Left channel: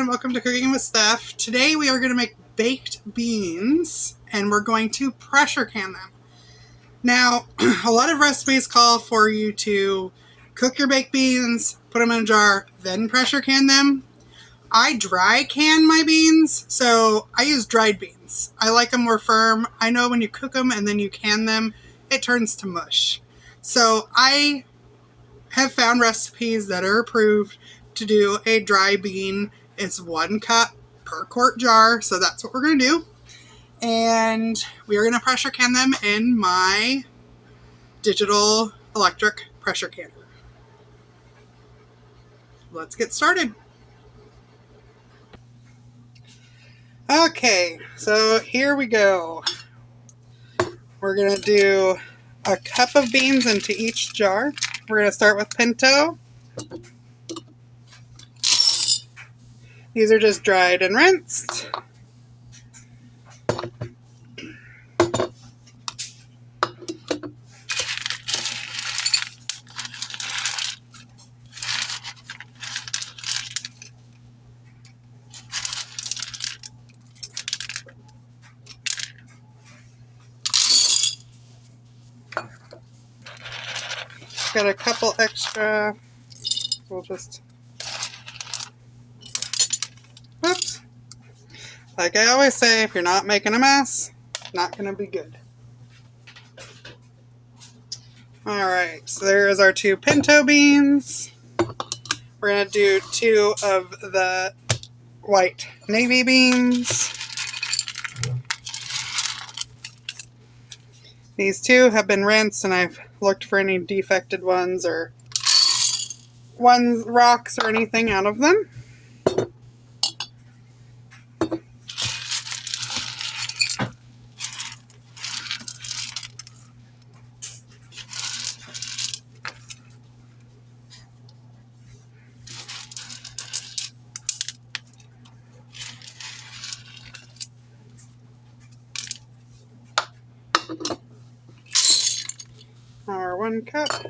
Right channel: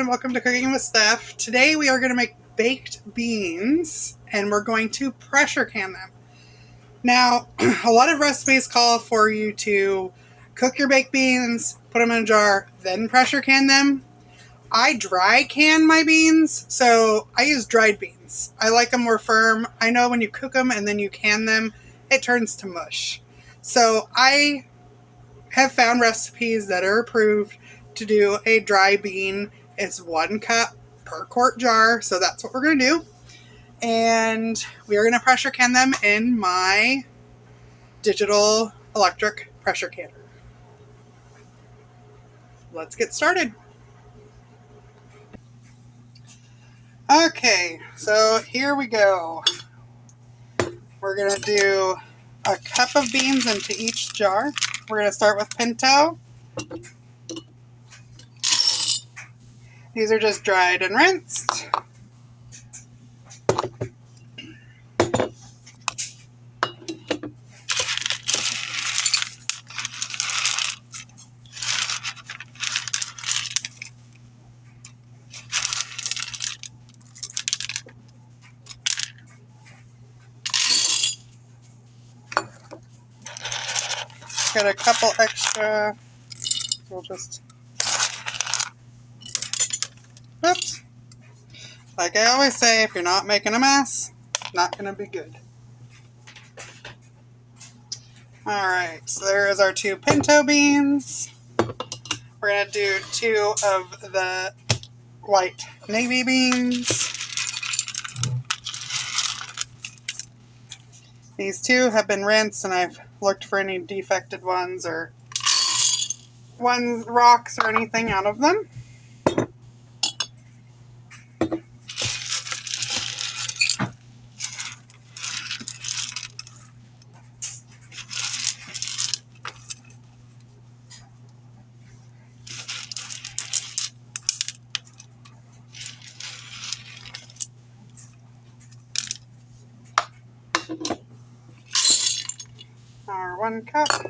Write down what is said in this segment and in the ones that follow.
everyone, welcome to Cooking with Steph. Today we are going to make baked beans and we're going to pressure can them. Now, a lot of recipes call for you to cook your baked beans, put them in a jar, then pressure can them. I dry can my beans, so I use dried beans. I like them more firm. I know when you cook them and then you can them, it turns to mush. So I have found recipes that are approved to do a dry bean. It's 1 cup per quart jar, so that's what we're going to do. And we are going to pressure can them in my digital electric pressure canner. Let's get started. Okay, so here we go. We're going to do a cup of beans into each jar. We're going to start with pinto. These are just dried and rinsed. Got a couple extra. We'll just, whoops. Like I always say, if you're not making a mess, it's not going to be good. Alright, so there is our 2 pinto beans. We're going to do 2 of the white navy beans. These 2 have been rinsed and I've looked for any defected ones or rocks or anything out of them. Our 1 cup.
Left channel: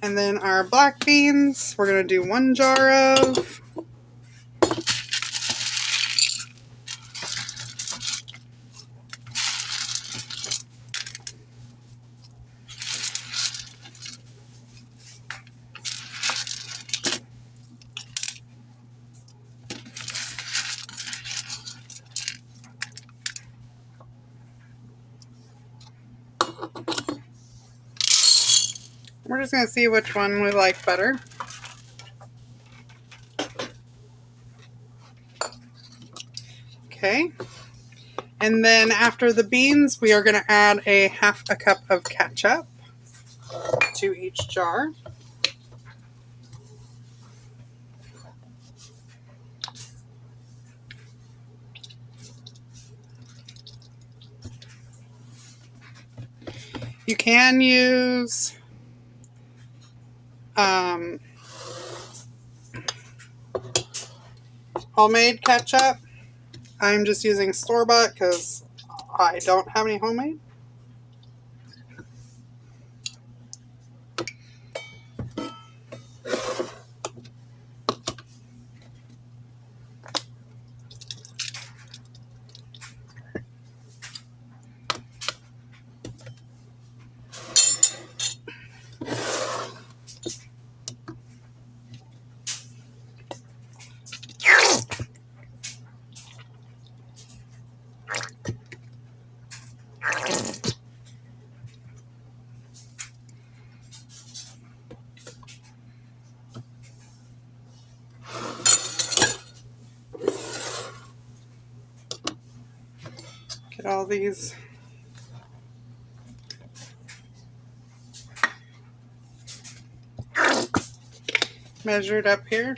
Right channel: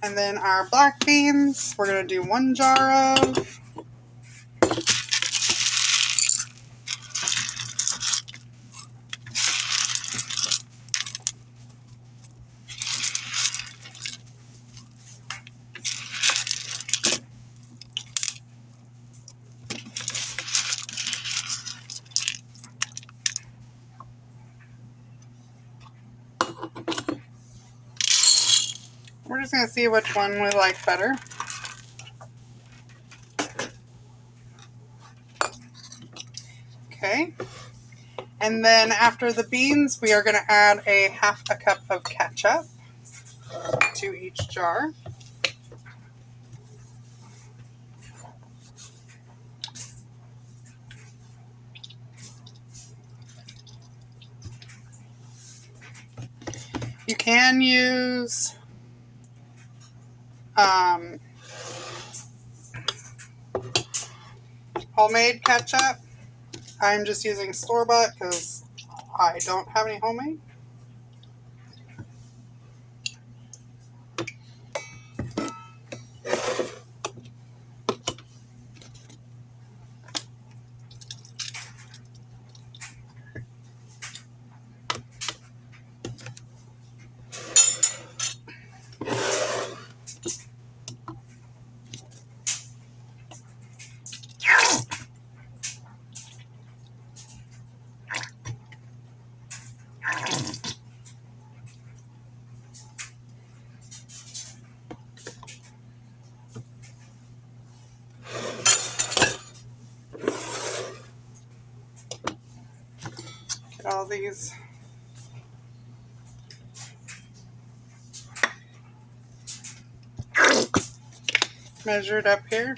And then our black beans, we're going to do 1 jar of. We're just going to see which one we like better. Okay. And then after the beans, we are going to add a 1/2 cup of ketchup to each jar. You can use homemade ketchup. I'm just using store-bought because I don't have any homemade. Get all these measured up here.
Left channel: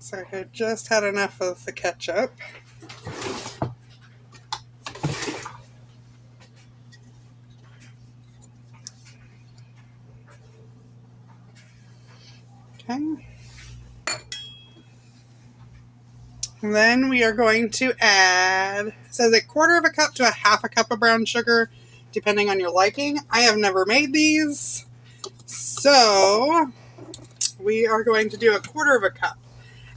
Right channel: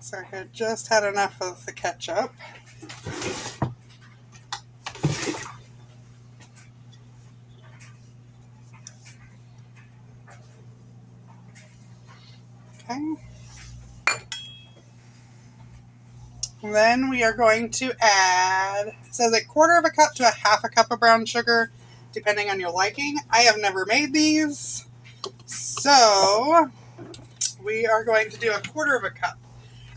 So I just had enough of the ketchup. Okay. And then we are going to add, it says a quarter of a cup to a half a cup of brown sugar, depending on your liking. I have never made these, so we are going to do a quarter of a cup.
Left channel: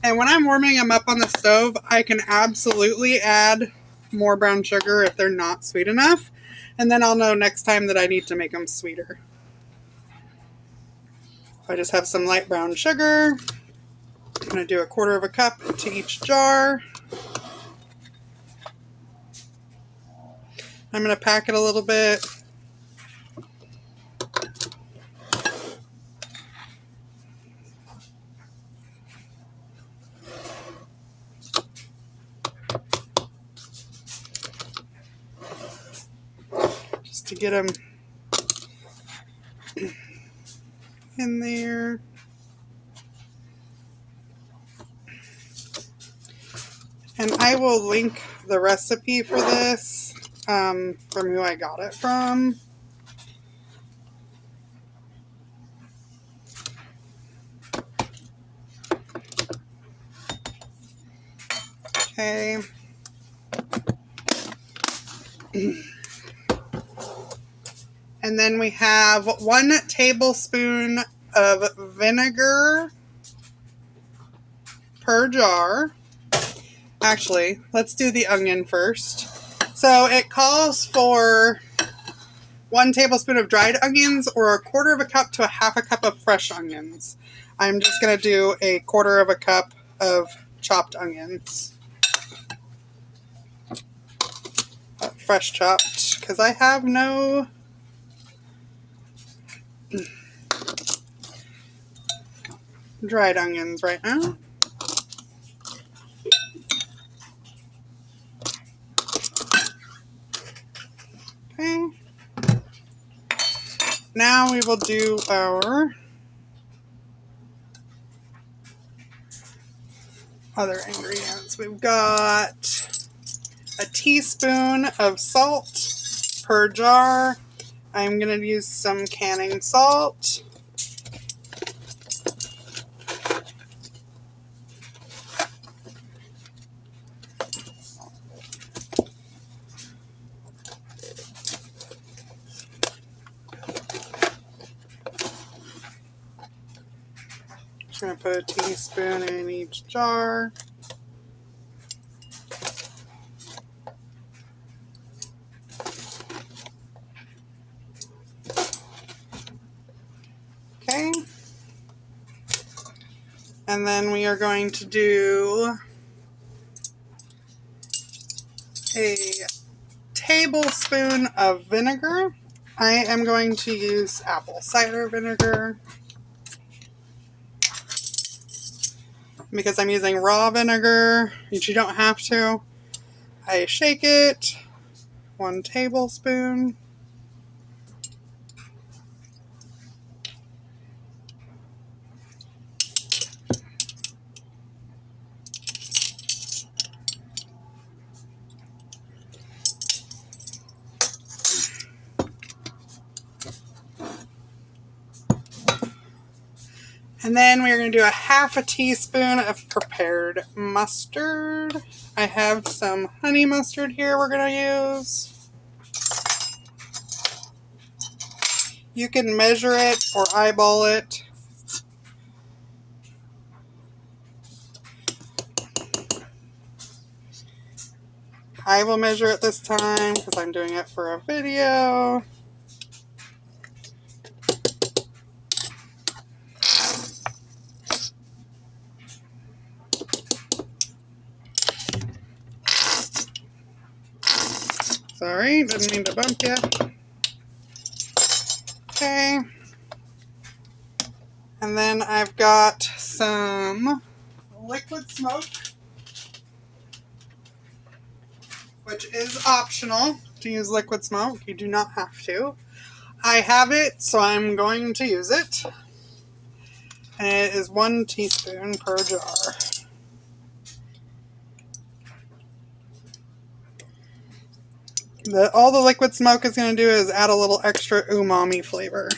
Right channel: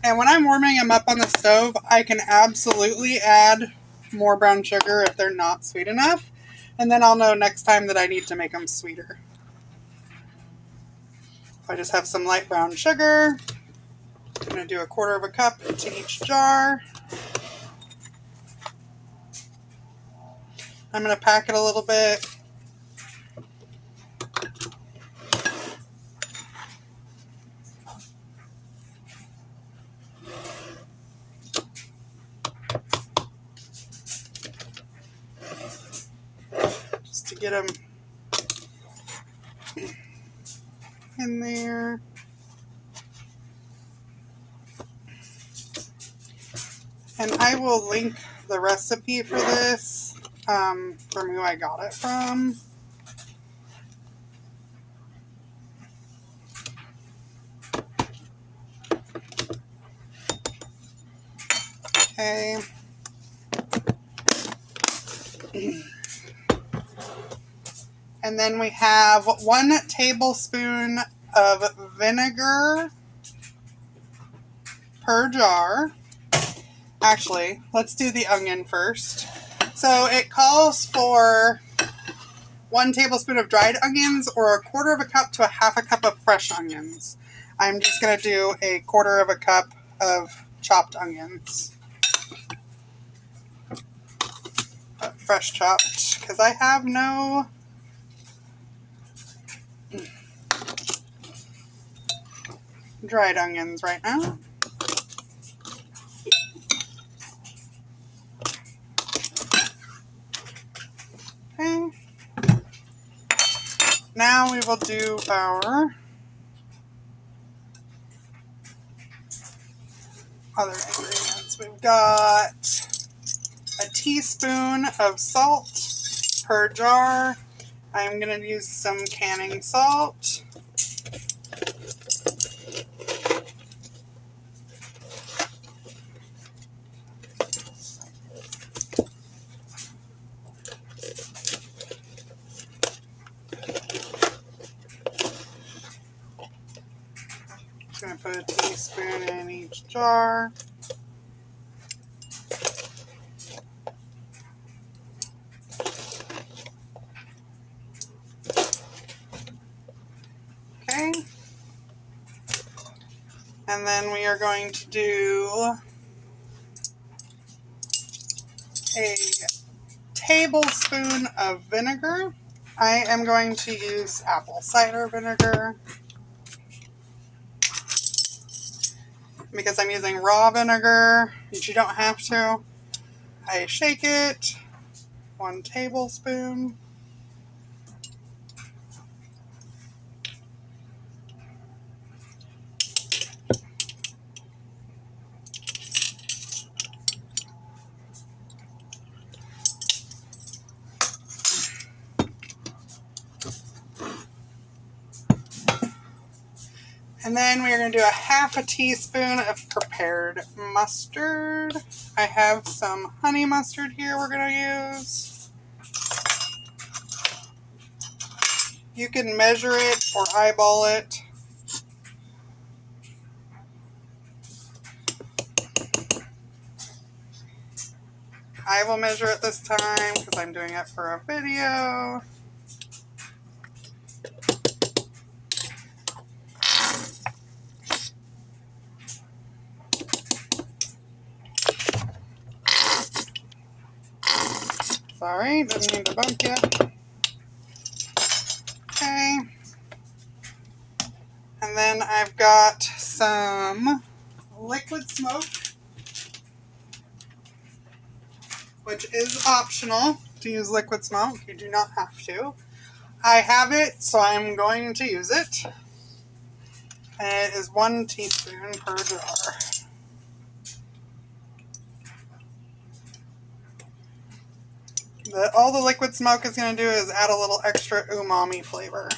And when I'm warming them up on the stove, I can absolutely add more brown sugar if they're not sweet enough. And then I'll know next time that I need to make them sweeter. I just have some light brown sugar. I'm going to do a quarter of a cup to each jar. I'm going to pack it a little bit. Just to get them in there. And I will link the recipe for this from who I got it from. Okay. And then we have 1 tablespoon of vinegar per jar. Actually, let's do the onion first. So it calls for 1 tablespoon of dried onions or a quarter of a cup to a half a cup of fresh onions. I'm just going to do a quarter of a cup of chopped onions. Fresh chopped, because I have no dried onions right now. Okay. Now we will do our other ingredients. We've got a teaspoon of salt per jar. I'm going to use some canning salt. Just going to put a teaspoon in each jar. Okay. And then we are going to do a tablespoon of vinegar. I am going to use apple cider vinegar because I'm using raw vinegar, which you don't have to. I shake it, 1 tablespoon. And then we're going to do a half a teaspoon of prepared mustard. I have some honey mustard here we're going to use. You can measure it or eyeball it. I will measure it this time because I'm doing it for a video. Sorry, didn't mean to bump you. Okay. And then I've got some liquid smoke, which is optional to use liquid smoke. You do not have to. I have it, so I'm going to use it. And it is 1 teaspoon per jar. All the liquid smoke is going to do is add a little extra umami flavor.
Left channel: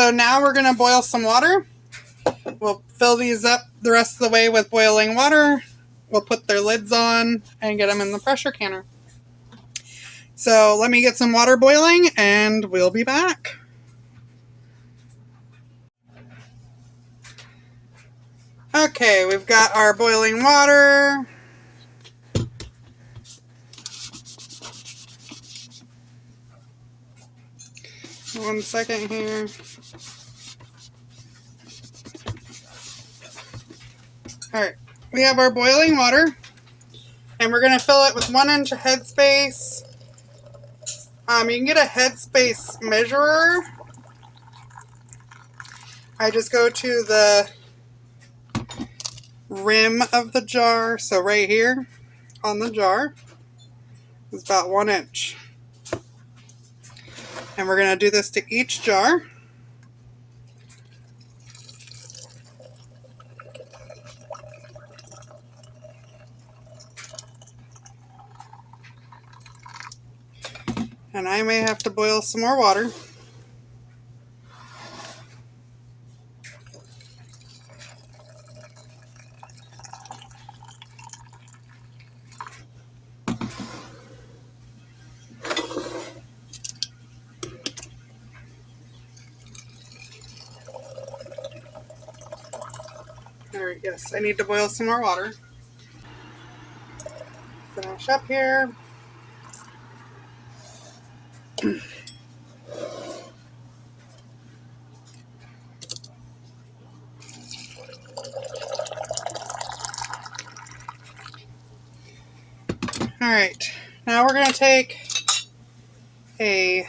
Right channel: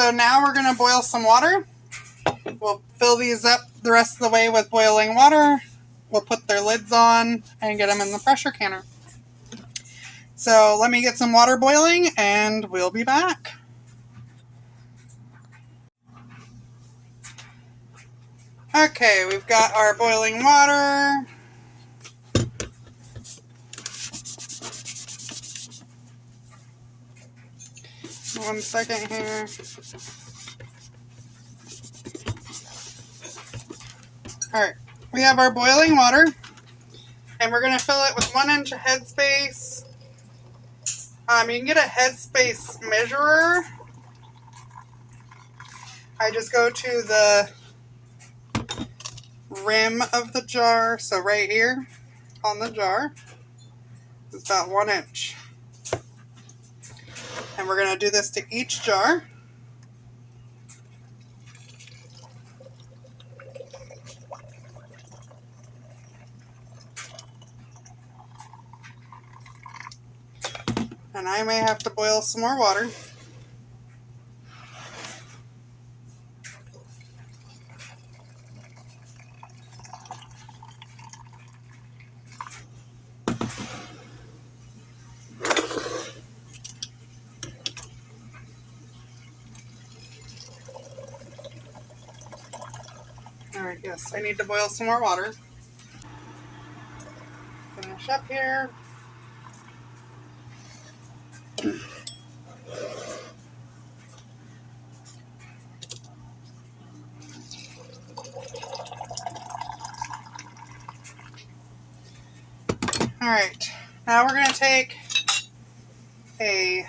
So now we're going to boil some water. We'll fill these up the rest of the way with boiling water. We'll put their lids on and get them in the pressure canner. So let me get some water boiling and we'll be back. Okay, we've got our boiling water. One second here. Alright, we have our boiling water and we're going to fill it with 1 inch headspace. You can get a headspace measurer. I just go to the rim of the jar, so right here on the jar is about 1 inch. And we're going to do this to each jar. And I may have to boil some more water. Alright, yes, I need to boil some more water. Finish up here. Alright, now we're going to take I'm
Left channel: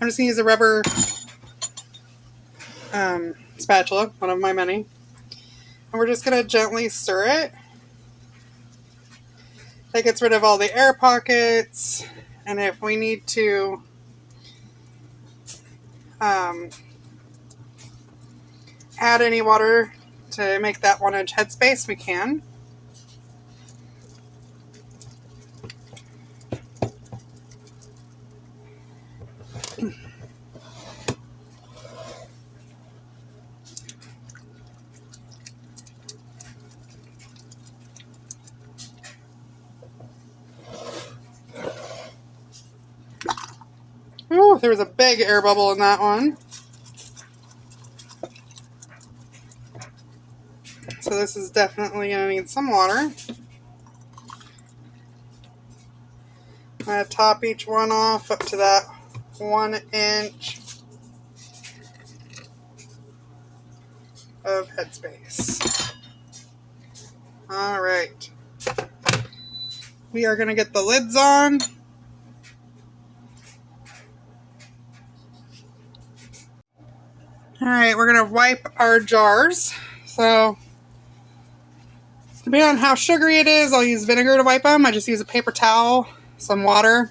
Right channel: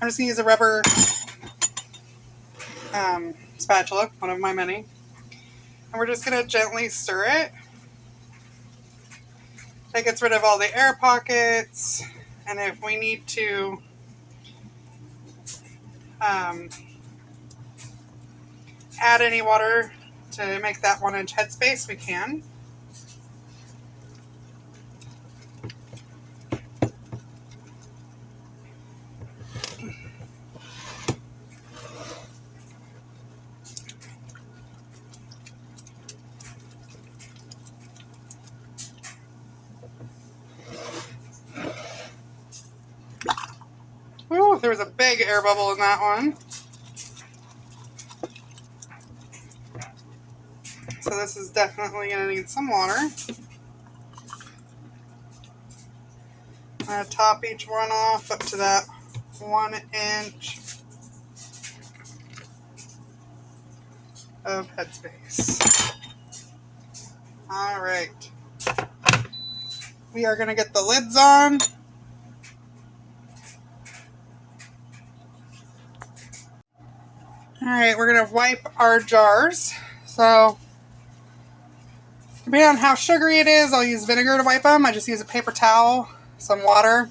just going to use a rubber spatula, one of my many. And we're just going to gently stir it. That gets rid of all the air pockets. And if we need to add any water to make that 1 inch headspace, we can. Ooh, there was a big air bubble in that one. So this is definitely going to need some water. I'm going to top each one off up to that 1 inch of headspace. Alright. We are going to get the lids on. Alright, we're going to wipe our jars. So, depending on how sugary it is, I'll use vinegar to wipe them. I just use a paper towel, some water,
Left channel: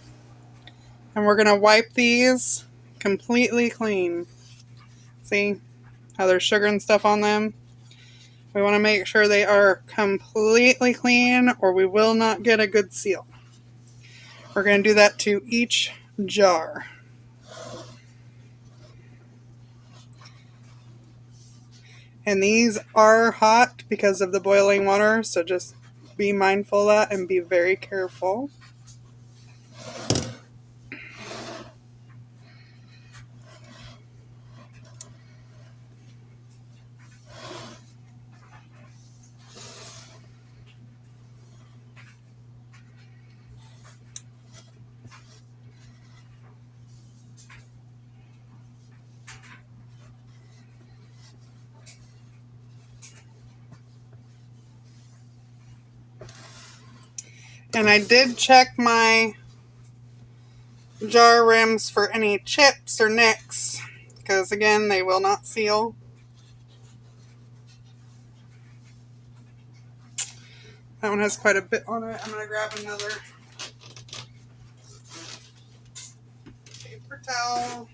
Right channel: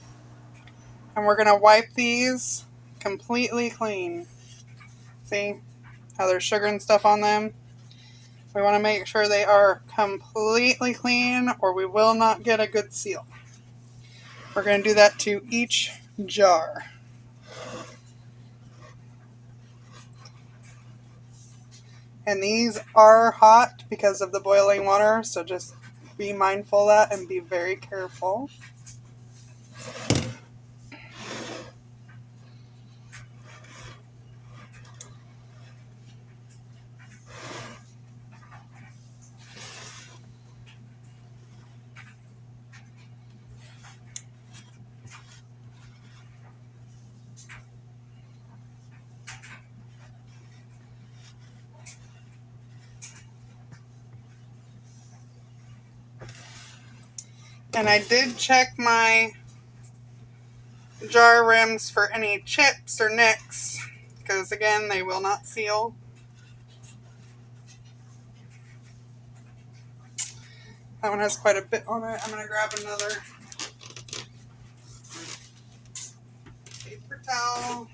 and we're going to wipe these completely clean. See how there's sugar and stuff on them? We want to make sure they are completely clean or we will not get a good seal. We're going to do that to each jar. And these are hot because of the boiling water, so just be mindful of that and be very careful. And I did check my jar rims for any chips or nicks, because again, they will not seal. That one has quite a bit on it. I'm going to grab another paper towel.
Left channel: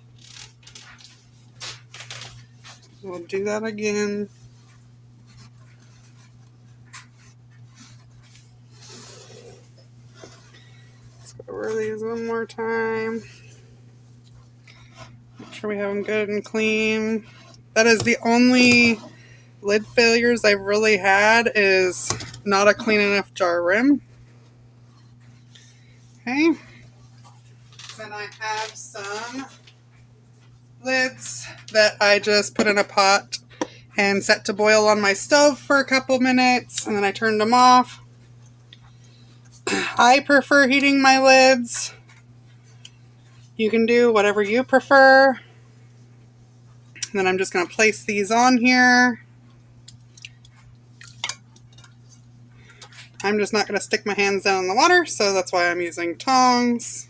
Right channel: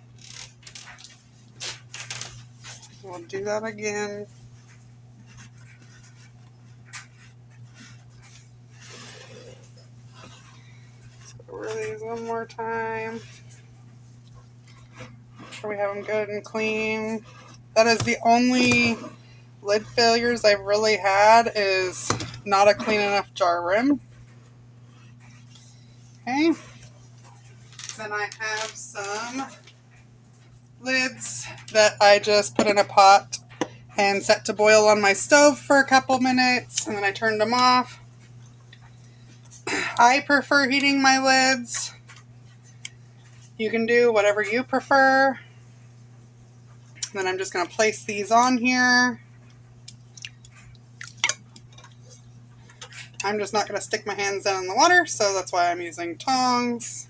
We'll do that again. Let's go over these one more time. sure we have them good and clean. That is the only lid failures I've really had, is not a clean enough jar rim. Okay. Then I have some lids that I just put in a pot and set to boil on my stove for a couple minutes, and then I turned them off. I prefer heating my lids. You can do whatever you prefer. And then I'm just going to place these on here. I'm just not going to stick my hands down in the water, so that's why I'm using tongs.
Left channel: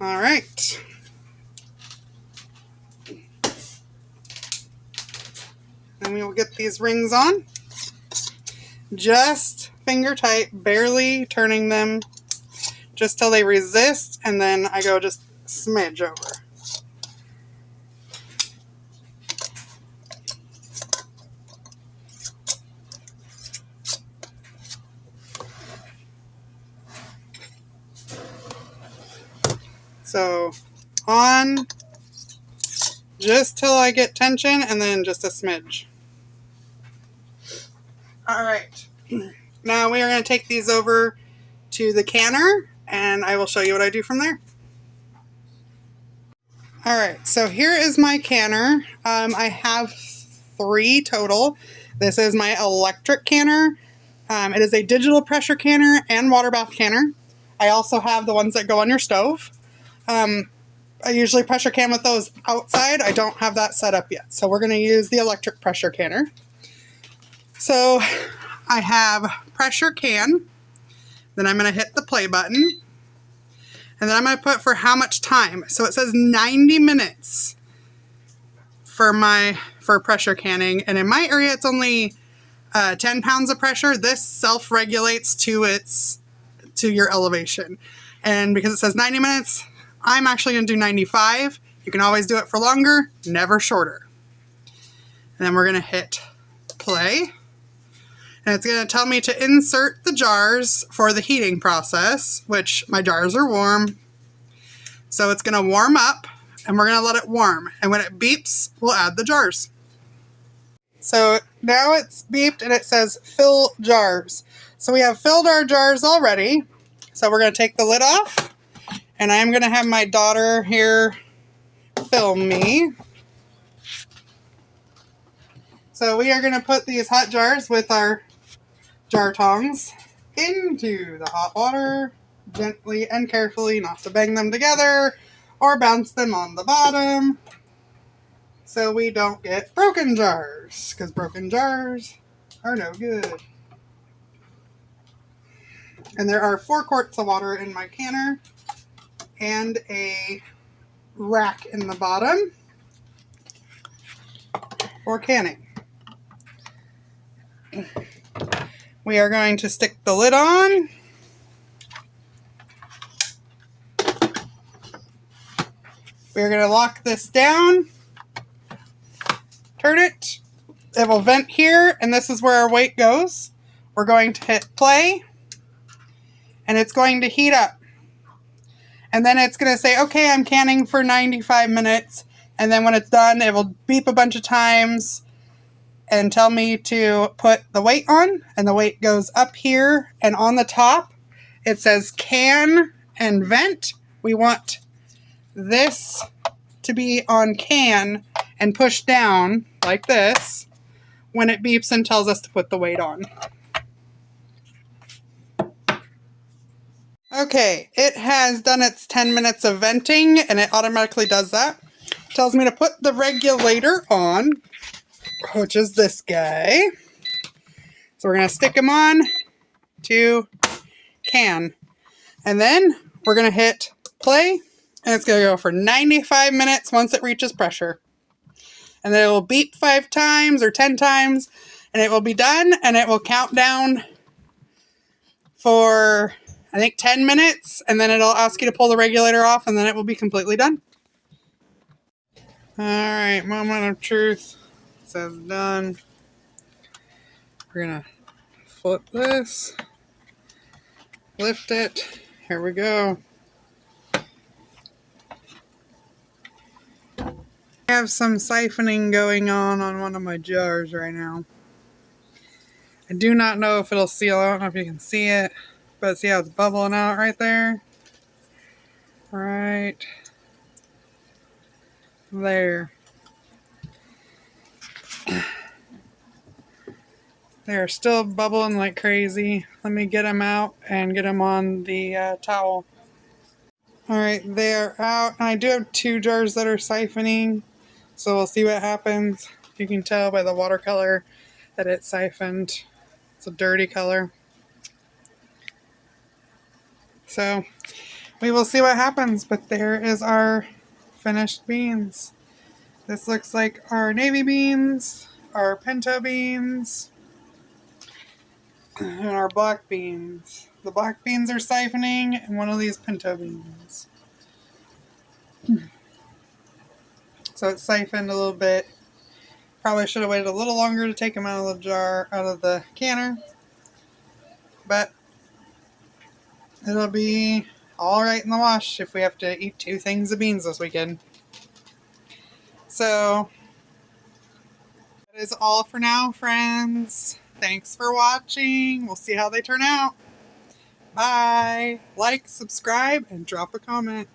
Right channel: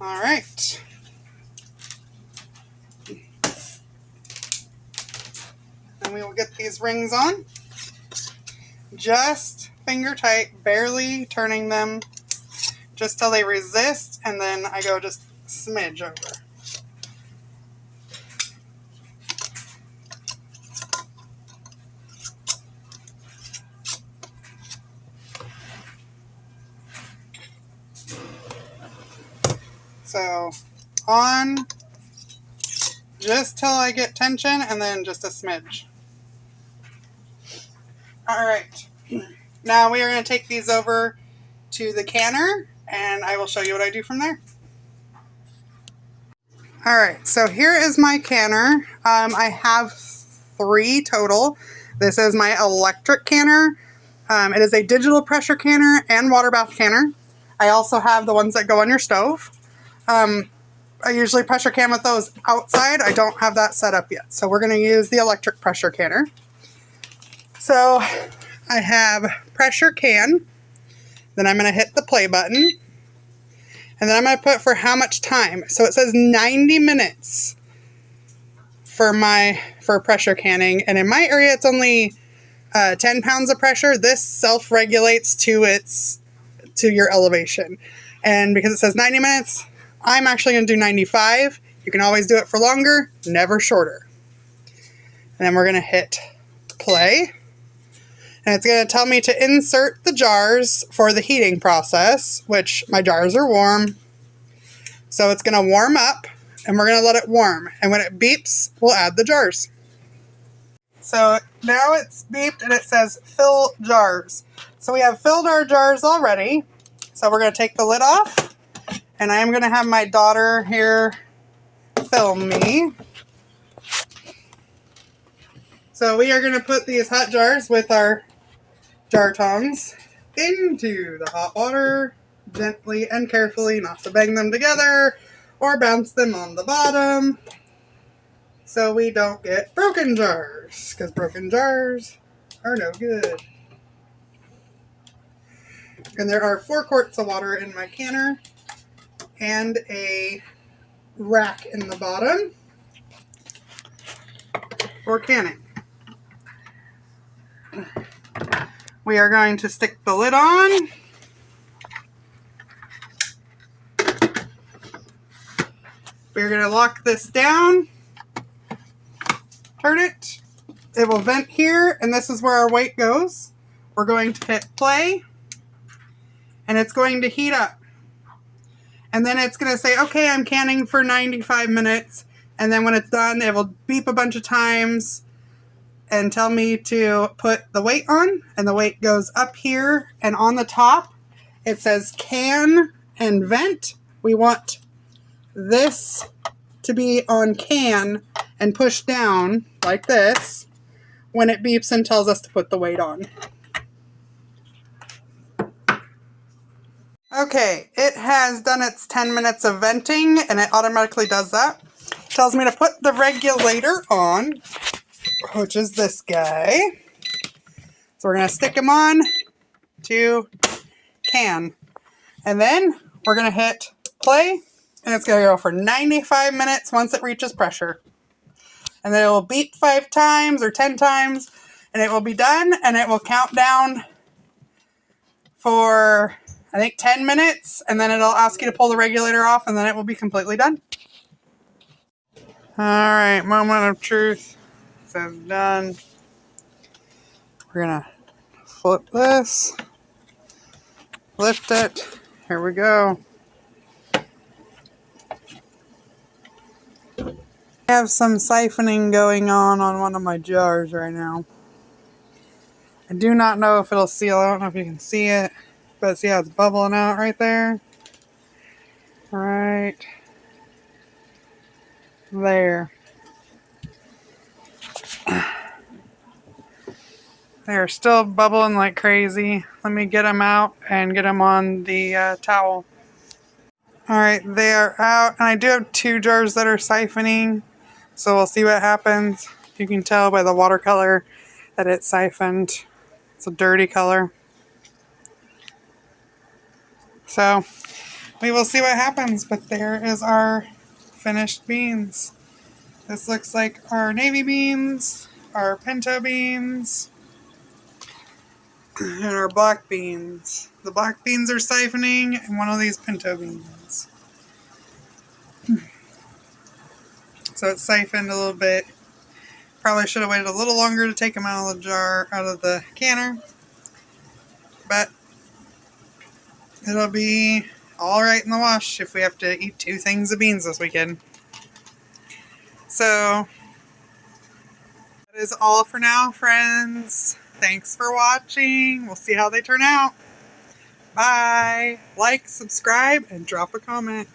All right. And we will get these rings on. Just finger tight, barely turning them, just till they resist, and then I go just smidge over. So on just till I get tension, and then just a smidge. All right. Now we are going to take these over to the canner, and I will show you what I do from there. All right, so here is my canner. I have 3 total. This is my electric canner. It is a digital pressure canner and water bath canner. I also have the ones that go on your stove. I usually pressure can with those outside. I don't have that set up yet. So we're going to use the electric pressure canner. So I have pressure can. Then I'm going to hit the play button. And then I'm going to put for how much time. So it says 90 minutes for pressure canning. And in my area, it's only 10 pounds of pressure. This self-regulates to your elevation. And because it says 90 minutes, I'm actually going to do 95. You can always do it for longer, never shorter. And then we're going to hit play. And it's going to tell me to insert the jars for the heating process, which my jars are warm. So it's going to warm up, and we're going to let it warm. And when it beeps, we'll add the jars. So now it's beeped, and it says fill jars. So we have filled our jars already. So we're going to take the lid off. And I'm going to have my daughter here film me. So we are going to put these hot jars with our jar tongs into the hot water, gently and carefully, not to bang them together or bounce them on the bottom, so we don't get broken jars, because broken jars are no good. And there are 4 quarts of water in my canner and a rack in the bottom for canning. We are going to stick the lid on. We're going to lock this down. Turn it. It will vent here, and this is where our weight goes. We're going to hit play, and it's going to heat up. And then it's going to say, okay, I'm canning for 95 minutes. And then when it's done, it will beep a bunch of times and tell me to put the weight on. And the weight goes up here. And on the top, it says can and vent. We want this to be on can and push down like this when it beeps and tells us to put the weight on. Okay, it has done its 10 minutes of venting, and it automatically does that. Tells me to put the regulator on, which is this guy. So we're going to stick him on to can. And then we're going to hit play, and it's going to go for 95 minutes once it reaches pressure. And then it will beep 5 times or 10 times, and it will be done, and it will count down for, I think, 10 minutes, and then it'll ask you to pull the regulator off, and then it will be completely done. All right, moment of truth. It says done. We're going to flip this, lift it. Here we go. I have some siphoning going on one of my jars right now. I do not know if it'll seal. I don't know if you can see it, but see how it's bubbling out right there? Right there. They're still bubbling like crazy. Let me get them out and get them on the towel. Alright, they are out. And I do have 2 jars that are siphoning. So we'll see what happens. You can tell by the watercolor that it's siphoned. It's a dirty color. So we will see what happens. But there is our finished beans. This looks like our navy beans, our pinto beans, and our black beans. The black beans are siphoning, and one of these pinto beans. So it's siphoned a little bit. Probably should have waited a little longer to take them out of the jar, out of the canner. But it'll be alright in the wash if we have to eat 2 things of beans this weekend. So that is all for now, friends. Thanks for watching. We'll see how they turn out. Bye. Like, subscribe, and drop a comment.